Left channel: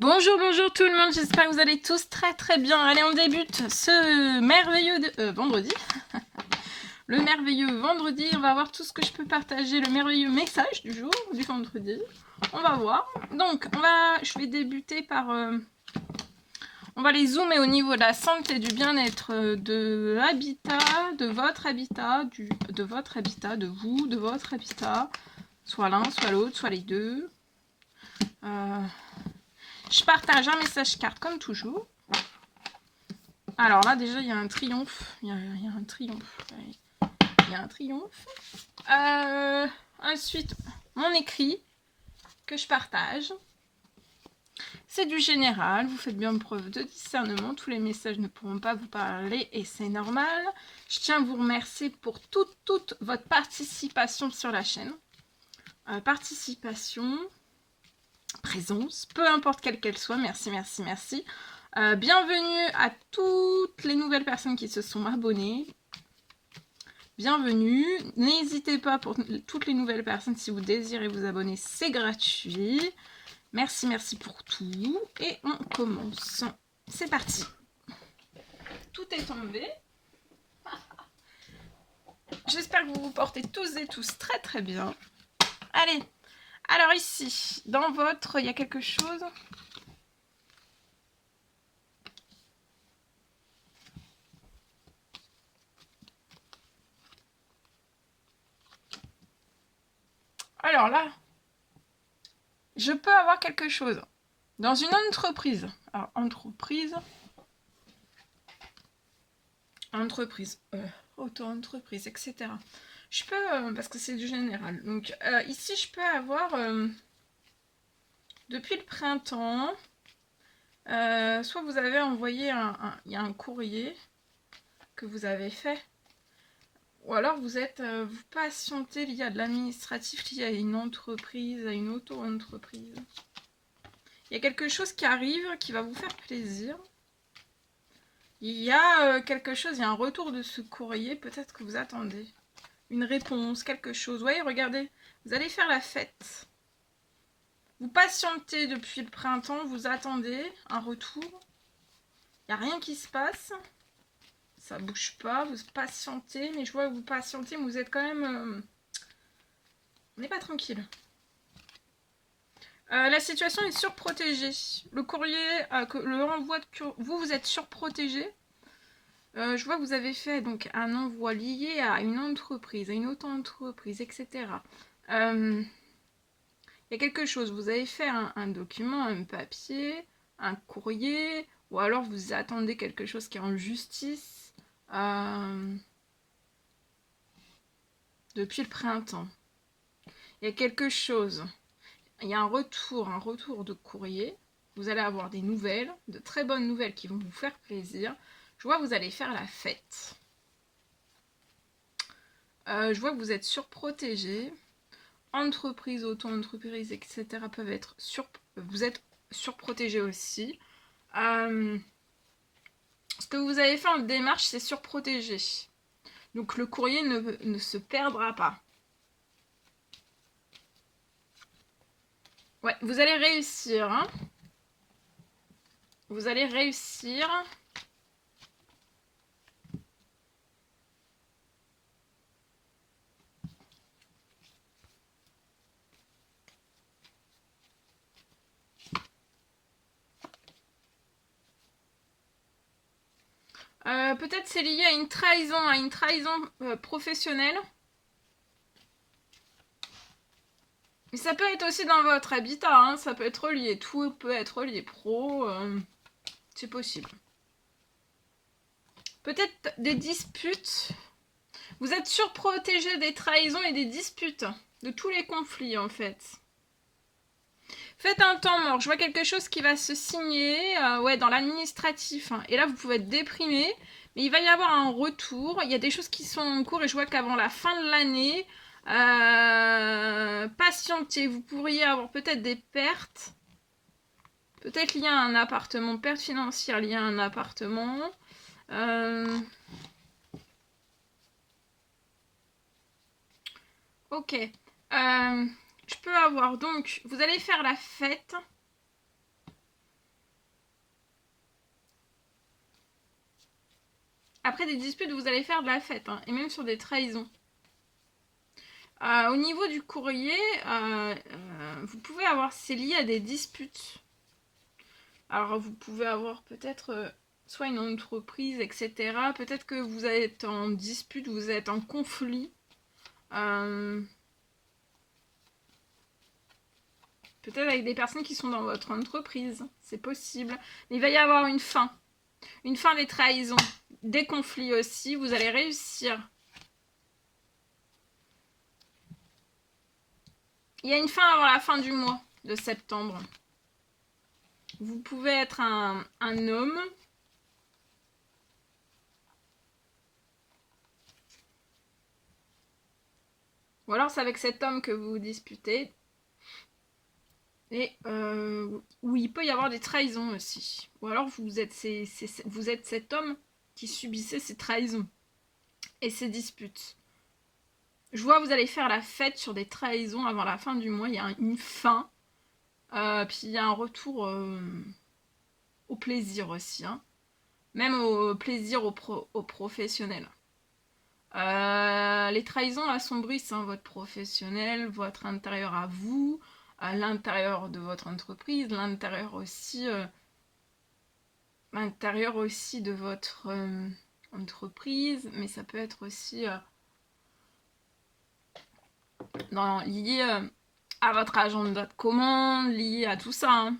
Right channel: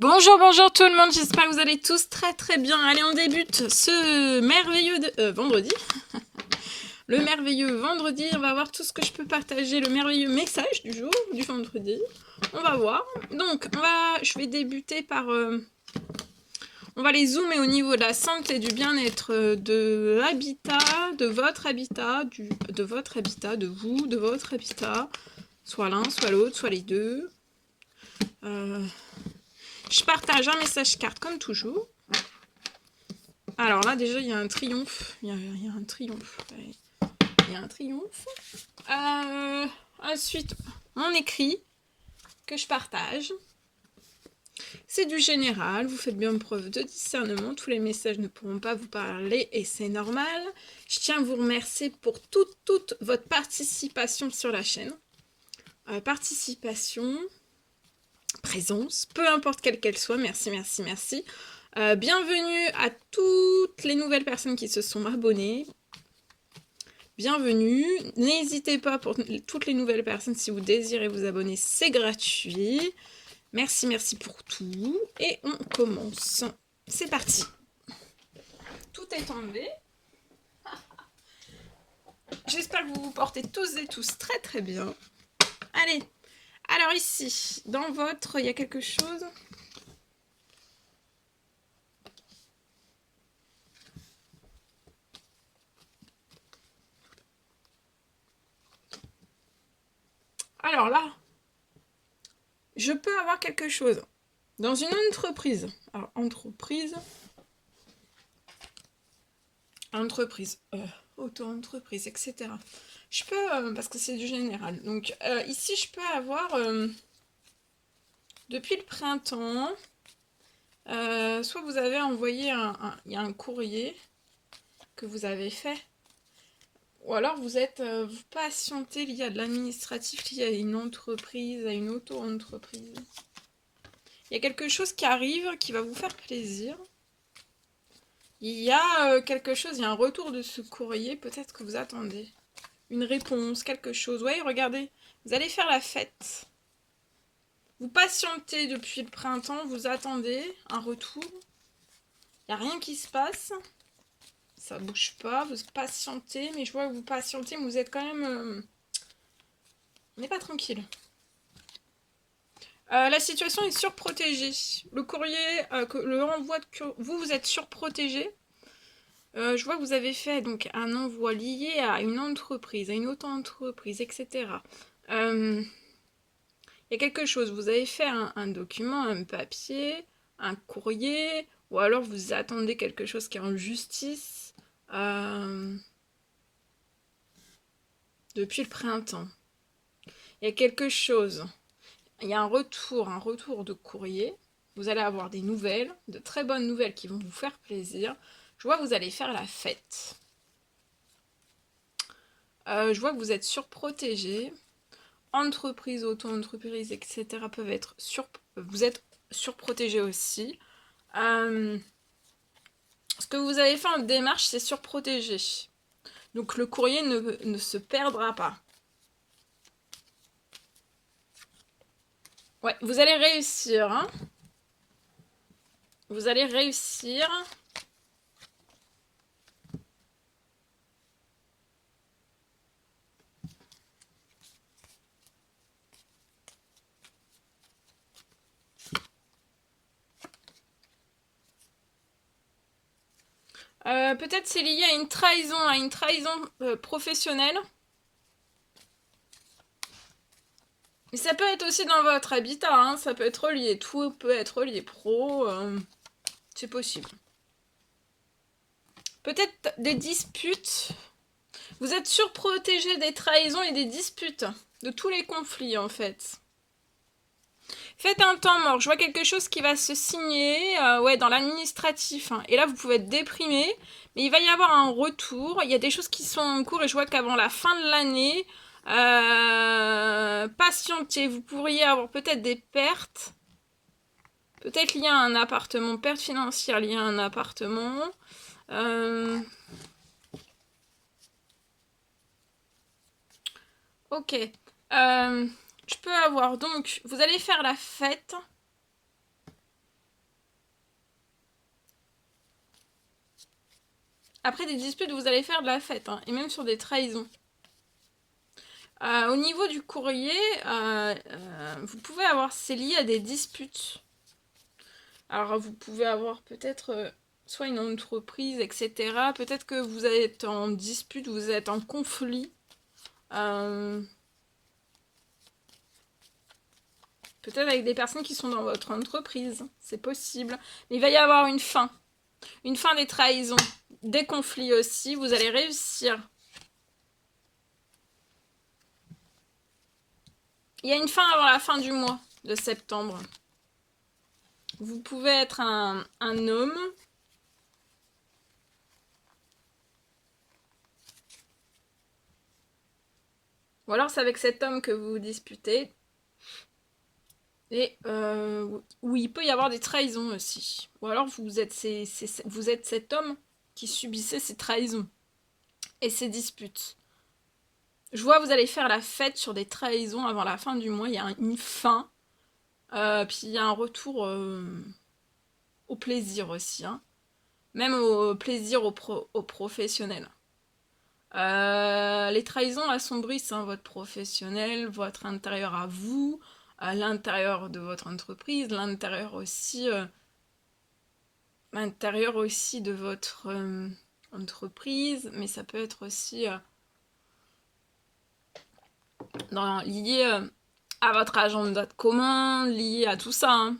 Bonjour, bonjour tout le monde, j'espère que vous allez tous très très bien. Allez, on débute ce merveilleux vendredi. Le merveilleux vendredi, on va voir tout ce que je peux partager, le merveilleux message du jour, du vendredi. On va voir. Donc, je vais débuter par... on va les zoomer au niveau de la santé, du bien-être, de l'habitat, de votre habitat, de votre habitat, de vous, de votre habitat. Soit l'un, soit l'autre, soit les deux. Je partage un message carte comme toujours. Alors là, déjà, il y a un triomphe. Il y a un triomphe. Il y a un triomphe. Ensuite, mon écrit que je partage. C'est du général. Vous faites bien preuve de discernement. Tous les messages ne pourront pas vous parler et c'est normal. Je tiens à vous remercier pour toute votre participation sur la chaîne. Participation, présence, peu importe quelle qu'elle soit. Merci, merci, merci. Bienvenue à toutes les nouvelles personnes qui se sont abonnées. Bienvenue. N'hésitez pas pour toutes les nouvelles personnes, si vous désirez vous abonner, c'est gratuit. Merci, merci pour tout. Et on commence. C'est parti. Tout est tombé. J'espère que vous vous portez tous et tous très très bien. Allez. Alors ici, dans votre, il y a quelque chose. Alors là, je peux avoir quelque chose. Dans une entreprise. Alors, entreprise, auto-entreprise, etc. Je peux, parce que c'est du général. Donc, ici, je peux avoir, depuis le printemps, soit vous avez envoyé il y a un courrier que vous avez fait, ou alors vous êtes, vous patientez lié à de l'administratif, lié à une entreprise, à une auto-entreprise. Il y a quelque chose qui arrive qui va vous faire plaisir. Il y a quelque chose, il y a un retour de ce courrier, peut-être que vous attendez. Une réponse, quelque chose. Voyez, regardez, vous allez faire la fête. Vous patientez depuis le printemps, vous attendez un retour. Il n'y a rien qui se passe. Ça bouge pas, vous patientez, mais je vois que vous patientez, mais vous êtes quand même... on n'est pas tranquille. La situation est surprotégée. Le courrier, le renvoi de vous êtes surprotégé. Je vois que vous avez fait donc un envoi lié à une entreprise, à une auto-entreprise, etc. Il y a quelque chose, vous avez fait un document, un papier, un courrier, ou alors vous attendez quelque chose qui est en justice depuis le printemps. Il y a quelque chose, il y a un retour de courrier. Vous allez avoir des nouvelles, de très bonnes nouvelles qui vont vous faire plaisir. Je vois que vous allez faire la fête. Je vois que vous êtes surprotégé. Entreprise, auto-entreprise, etc. peuvent être vous êtes surprotégé aussi. Ce que vous avez fait en démarche, c'est surprotégé. Donc le courrier ne se perdra pas. Ouais, vous allez réussir. Hein, vous allez réussir. Peut-être c'est lié à une trahison professionnelle. Mais ça peut être aussi dans votre habitat, hein, ça peut être lié, tout peut être lié pro, c'est possible. Peut-être des disputes. Vous êtes surprotégé des trahisons et des disputes, de tous les conflits en fait. Faites un temps mort, je vois quelque chose qui va se signer ouais, dans l'administratif. Hein. Et là, vous pouvez être déprimé, mais il va y avoir un retour. Il y a des choses qui sont en cours et je vois qu'avant la fin de l'année, patientez, vous pourriez avoir peut-être des pertes. Peut-être liées à un appartement, perte financière liée à un appartement. Ok. Je peux avoir donc, vous allez faire la fête. Après des disputes, vous allez faire de la fête, hein, et même sur des trahisons. Au niveau du courrier, vous pouvez avoir, c'est lié à des disputes. Alors vous pouvez avoir peut-être soit une entreprise, etc. Peut-être que vous êtes en dispute, vous êtes en conflit. Peut-être avec des personnes qui sont dans votre entreprise, c'est possible. Mais il va y avoir une fin des trahisons, des conflits aussi, vous allez réussir. Il y a une fin avant la fin du mois de septembre. Vous pouvez être un homme. Ou alors c'est avec cet homme que vous vous disputez. Et où il peut y avoir des trahisons aussi. Ou alors vous êtes cet homme qui subissait ces trahisons et ces disputes. Je vois, vous allez faire la fête sur des trahisons avant la fin du mois. Il y a une fin. Puis il y a un retour au plaisir aussi. Hein. Même au plaisir au professionnel. Les trahisons assombrissent votre professionnel, votre intérieur à vous, à l'intérieur de votre entreprise, l'intérieur aussi de votre entreprise, mais ça peut être aussi lié à votre agenda de commande, lié à tout ça. Hein.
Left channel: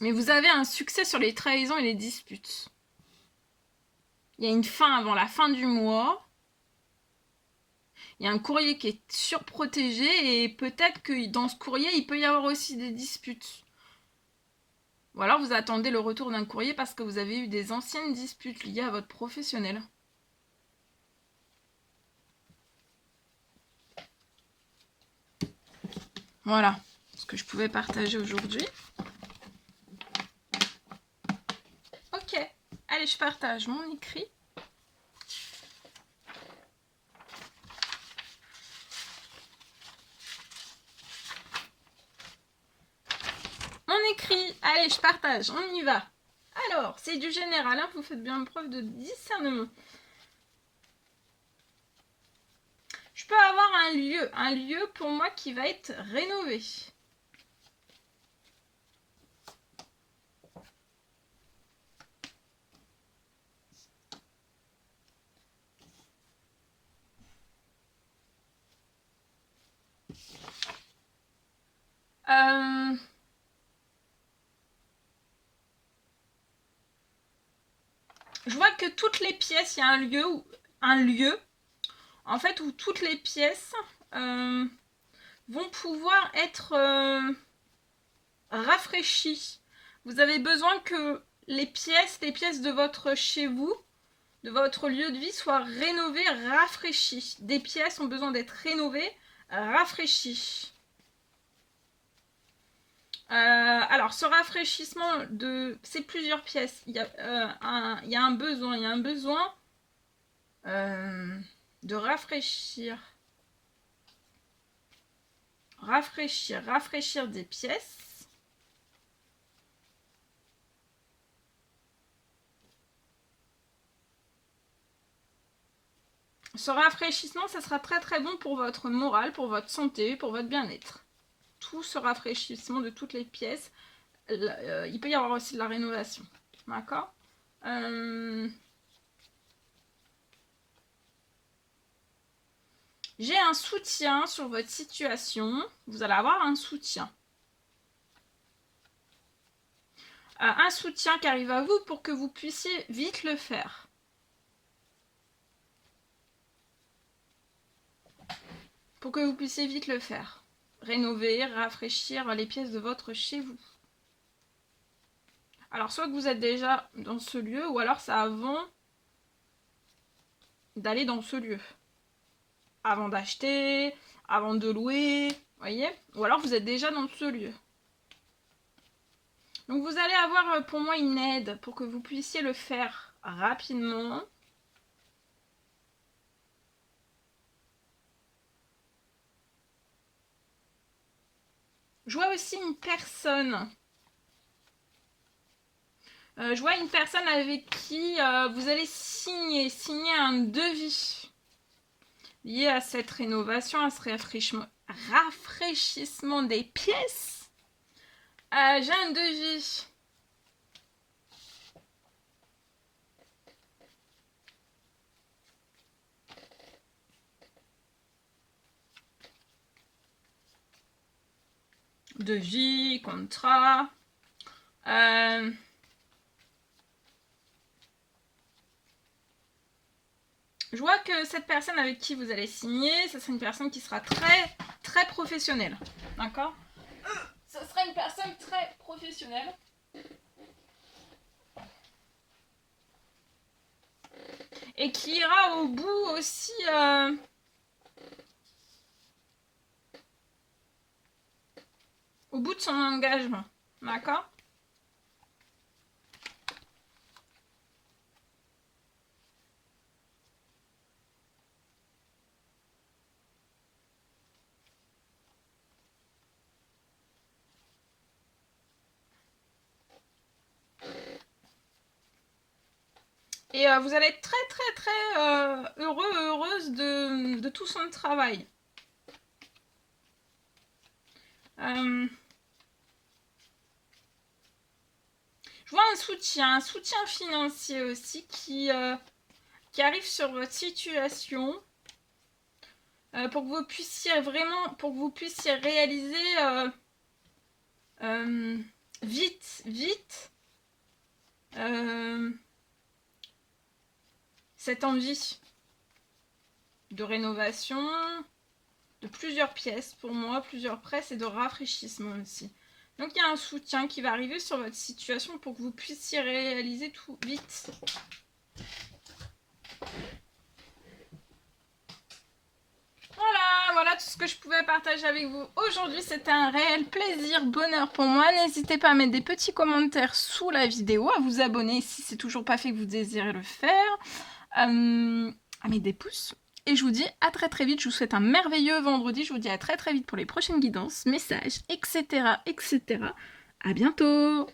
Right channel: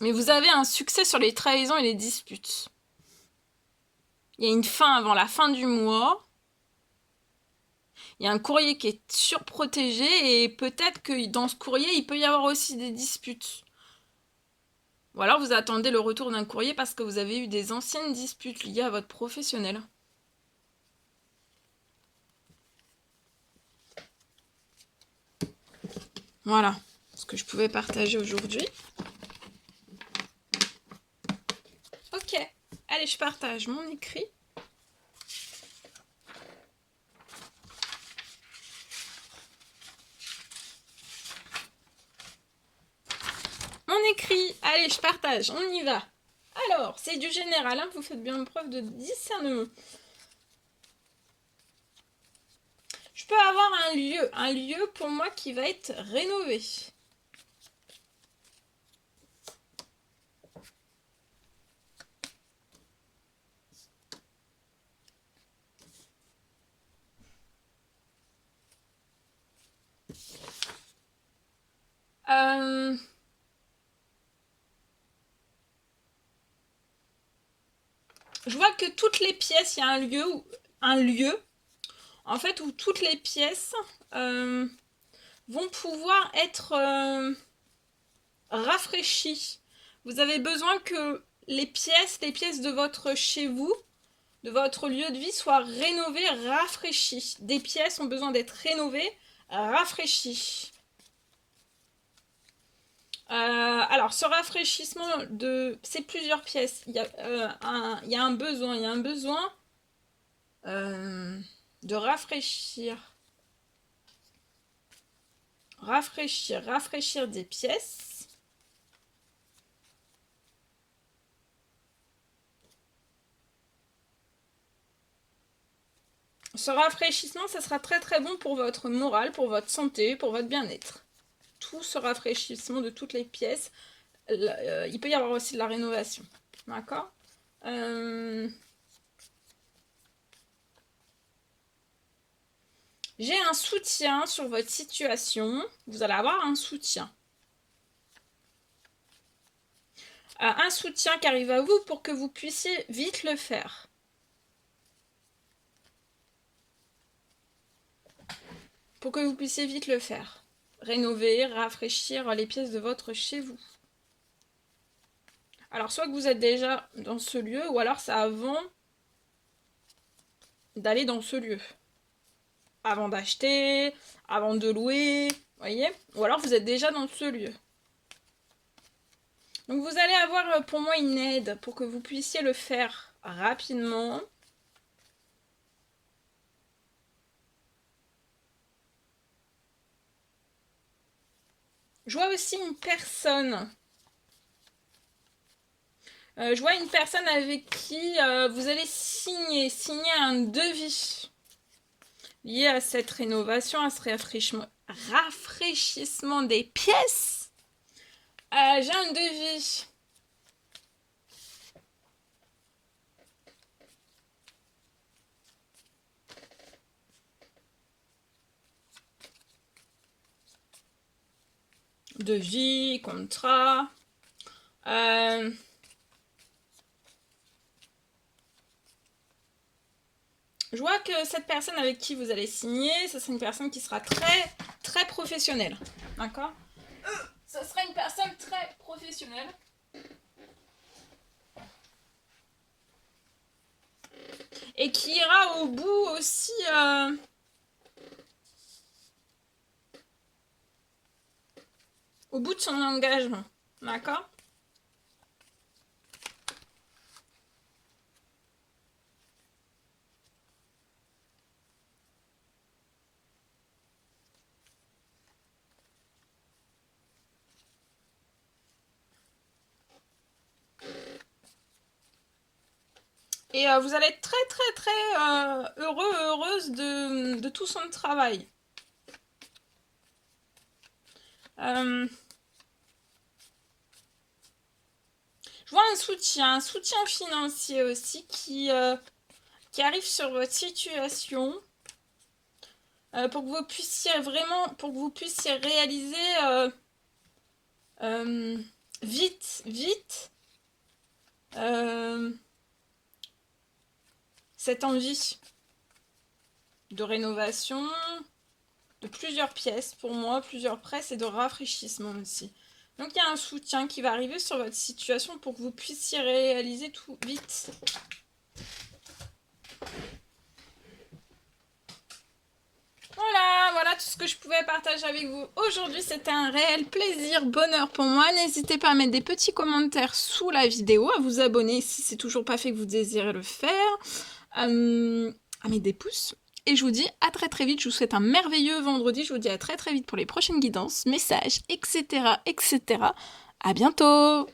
Mais vous avez un succès sur les trahisons et les disputes. Il y a une fin avant la fin du mois. Il y a un courrier qui est surprotégé et peut-être que dans ce courrier, il peut y avoir aussi des disputes. Ou alors vous attendez le retour d'un courrier parce que vous avez eu des anciennes disputes liées à votre professionnel. Voilà ce que je pouvais partager aujourd'hui. Ok, allez, je partage mon écrit. Mon écrit, allez, je partage, on y va. Alors, c'est du général, hein, vous faites bien preuve de discernement. Je peux avoir un lieu pour moi qui va être rénové. Je vois que toutes les pièces, il y a un lieu en fait où toutes les pièces vont pouvoir être rafraîchies. Vous avez besoin que les pièces de votre chez vous, de votre lieu de vie soient rénovées, rafraîchies. Des pièces ont besoin d'être rénovées, rafraîchies. Alors, ce rafraîchissement c'est plusieurs pièces. Il y a un besoin de rafraîchir des pièces. Ce rafraîchissement, ça sera très très bon pour votre morale, pour votre santé, pour votre bien-être. Tout ce rafraîchissement de toutes les pièces, il peut y avoir aussi de la rénovation. D'accord J'ai un soutien sur votre situation. Vous allez avoir un soutien. Un soutien qui arrive à vous pour que vous puissiez vite le faire. Pour que vous puissiez vite le faire. Rénover, rafraîchir les pièces de votre chez vous. Alors, soit que vous êtes déjà dans ce lieu, ou alors c'est avant d'aller dans ce lieu. Avant d'acheter, avant de louer, voyez? Ou alors vous êtes déjà dans ce lieu. Donc vous allez avoir pour moi une aide pour que vous puissiez le faire rapidement. Je vois aussi une personne Je vois une personne avec qui vous allez signer un devis lié à cette rénovation, à ce rafraîchissement des pièces. J'ai un devis. Devis, contrat. Je vois que cette personne avec qui vous allez signer, ce sera une personne qui sera très, très professionnelle. D'accord ? Ce sera une personne très professionnelle. Et qui ira au bout aussi... au bout de son engagement. D'accord ? Et vous allez être très très très heureuse de tout son travail. Je vois un soutien financier aussi qui arrive sur votre situation pour que vous puissiez réaliser vite cette envie de rénovation de plusieurs pièces pour moi, plusieurs presses et de rafraîchissement aussi. Donc il y a un soutien qui va arriver sur votre situation pour que vous puissiez réaliser tout vite. Voilà tout ce que je pouvais partager avec vous aujourd'hui. C'était un réel plaisir, bonheur pour moi. N'hésitez pas à mettre des petits commentaires sous la vidéo, à vous abonner si c'est toujours pas fait que vous désirez le faire, à mettre des pouces. Et je vous dis à très très vite. Je vous souhaite un merveilleux vendredi. Je vous dis à très très vite pour les prochaines guidances, messages, etc. À bientôt!